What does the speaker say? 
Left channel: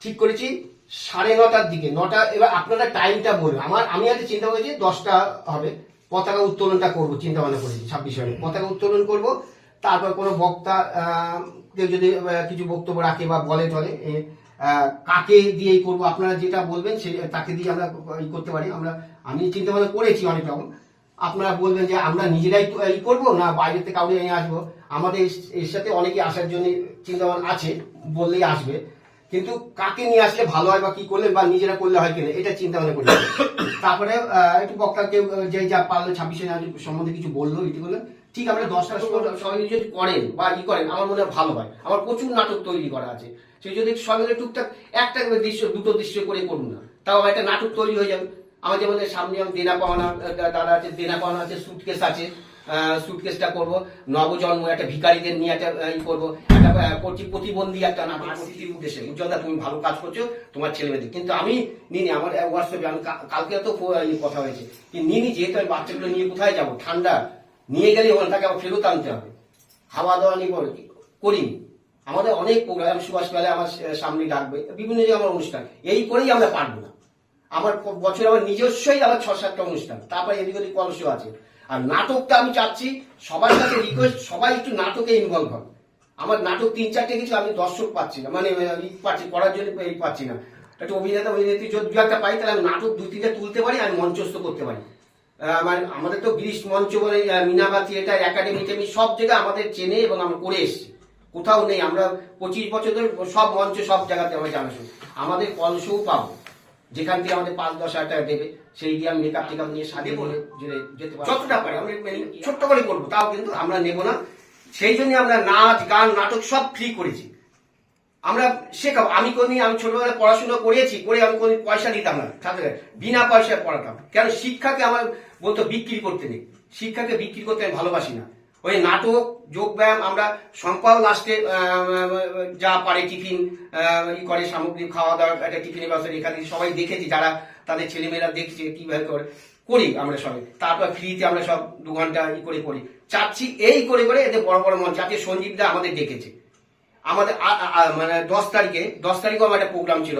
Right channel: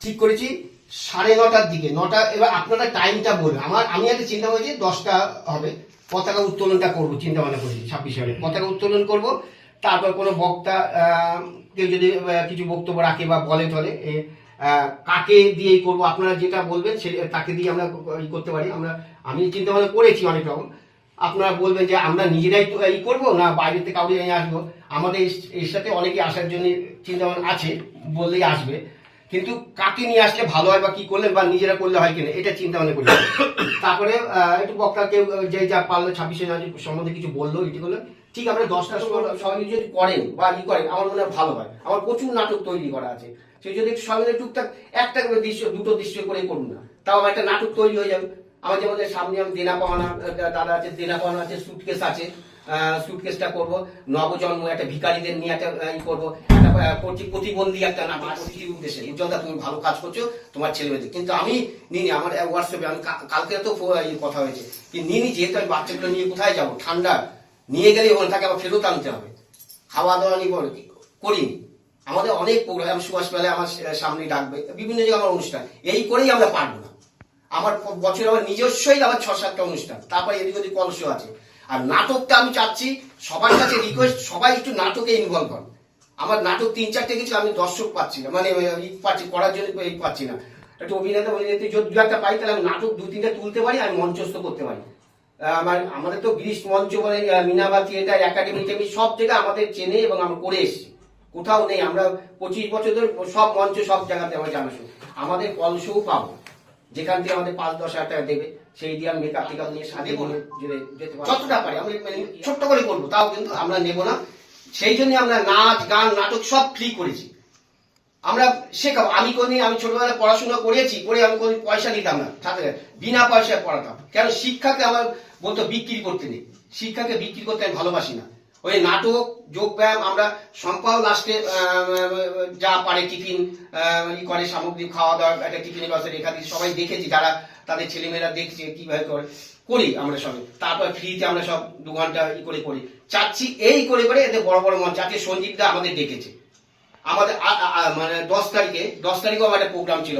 ঠিক করেছি, সাড়ে নটার দিকে। নটা, এবার আপনারা টাইমটা বলবেন আমার, আমি আগে চিন্তা করেছি দশটা হবে। পতাকা উত্তোলনটা করব চিন্তা ভাবনা করেছি ছাব্বিশ সালে। পতাকা উত্তোলন করব, তারপর কোনো বক্তা কেউ যদি কিছু বক্তব্য রাখে বা বলে চলে কাকে দিয়েই করব, আপনারা যেটা বলবেন, সে, তাকে দিয়ে আমরা করতে পারি। আমরা, আমি চিন্তা ভাবনা করেছি অনেক রকম। আপনারা বলবেন যে আমরা নিজেরাই ই করব না বাইরে থেকে কাউকে নিয়ে আসব? আমাদের এর- সাথে অনেকে আসার জন্য চিন্তা ভাবনা আছে, বললেই আসবে। কিন্তু কাকে নিয়ে আসলে ভালো হয় বা কি করলেন বা নিজেরা করলে হয় কিনা, এটা চিন্তা ভাবনা করলেন তারপরে একটু বক্তাকে যে যা পারল ছাব্বিশে জানুয়ারি সম্বন্ধে কিছু বলল এটি করলেন ঠিক আমরা দশটা সময় সবাই যদি করেন বা ই করেন, আমার মনে হয় ভালো হয়। আমার প্রচুর নাটক তৈরি করা আছে। সেই যদি সবাই মিলে টুকটাক, একটা দৃশ্য, দুটো দৃশ্য করে করুন না। তাও আমার একটা নাটক তৈরি হয়ে যাবে। আমার যেমন সামনে আমি দেনা পাওনা, দাদা আছে, দেনা পাওনা আছে সুটকেস আছে সুটকেসটা করব। নবজন্ম, একটা ভিকারীদের নিয়ে একটা ই করব। একটা প্রতিবন্ধী একটা নাটক প্রতি উদ্দেশ্যে, উজ্জ্বলদা, তুমি ভালো কাজ করছ, তোমার ছেলে মেয়েদের কিন্তু আমি নিনি আমার হোয়াটসঅ্যাপে আমি কালকে তো কথা হয়েছে। কি নিনি যেহেতু আমি বাচ্চাগুলো নিয়ে কোথায় যাব? ঠান্ডা। নিয়ে গেলে ওখানে তাকে আবার ফেরত আনতে হবে। খাওয়া দাওয়া নিয়ে করিনি। আমাদের অনেক প্রোগ্রাম সুভাষ মেলায় আমার সামনে ডাকবে, বিভিন্ন জায়গায় আমার অনুষ্ঠান। এই করেই আমরা পারব না। আমার বছর আমার নিজস্বই আমার ছ, সাতটা অনুষ্ঠান। তারপরে এদিক ওদিক কলস আছে। আর নাটকটা আমি চাচ্ছি, সবার কাছে রিকোয়েস্ট সবাই একটু নাটকে ইনভলভ হন। আমার নাটক তিন, চারটে কিছু আমি দর্শক পাচ্ছি না। মানে ই পাচ্ছি, করার জন্য পাচ্ছি না। একটু অভিনেতা, অভিনেত্রী যদি একটা পাই, তাহলে আমি নাটক দু, তিনটা তুলতে পারি আর মঞ্চস্থ করতে পারি। আমার, আমাদের তো গ্রীষ্ম মঞ্চ বলে মিনাবা থিয়েটার একাডেমি টেমি সব জায়গায় আমাদের চেনে এবং আমরা করে এসেছি। কোথাও নেই। আমরা পঁচিশ বছর ধরে সব মঞ্চ সব জায়গাতে আমরা জানাশো আমাদের কলসও পাবো। যেখান থেকে আমাদের পাঁচ দশ হাজার টাকা দেবে সেই দিয়ে আমি মেকআপ টেকআপ নিয়ে সাজিয়ে বলে যেতে পারি। যতটা পারি আমরা মানে ছোট্ট করে করব তাও কিন্তু আমরা নেব না। সেই জন্য আমরা নাচ গান নাটক সব ফ্রি করেছি। আমরা শেখাবো আমি কোনদিন আমি ছোটবেলায় পড়াশোনা করেছি করে আমি কোনো পয়সা দিতাম না ছাত্রদের বিনা পয়সায় পড়াতাম। কেন? শিক্ষাকে আমার বলতো বিক্রি করতে নেই। শিক্ষাকে বিক্রি করতে আমি ভালোবাসি না। ওই নাটক যোগ ব্যায়াম আমরা সম্পাল লাস্টে যা পারে টিফিন ই করে, সামগ্রী খাওয়া দাওয়া একটা টিফিনের বাসে রেখা দিই। সবাই দেখেছি, যারা তাদের ছেলেমেয়েরা দেখছে, কীভাবে করে, করি আমরা সবাই তারপর ফ্রিতে আমরা সব দু ঘণ্টা ই করে করি চাচ্ছি এই করে করে এদের বড় বড় মঞ্চ আছে সঞ্জীব দা আমাদের ডেকেছে। আমাদের মানে দশ তারিখে, দশ তারিখেও আমার একটা প্রোগ্রাম ছিল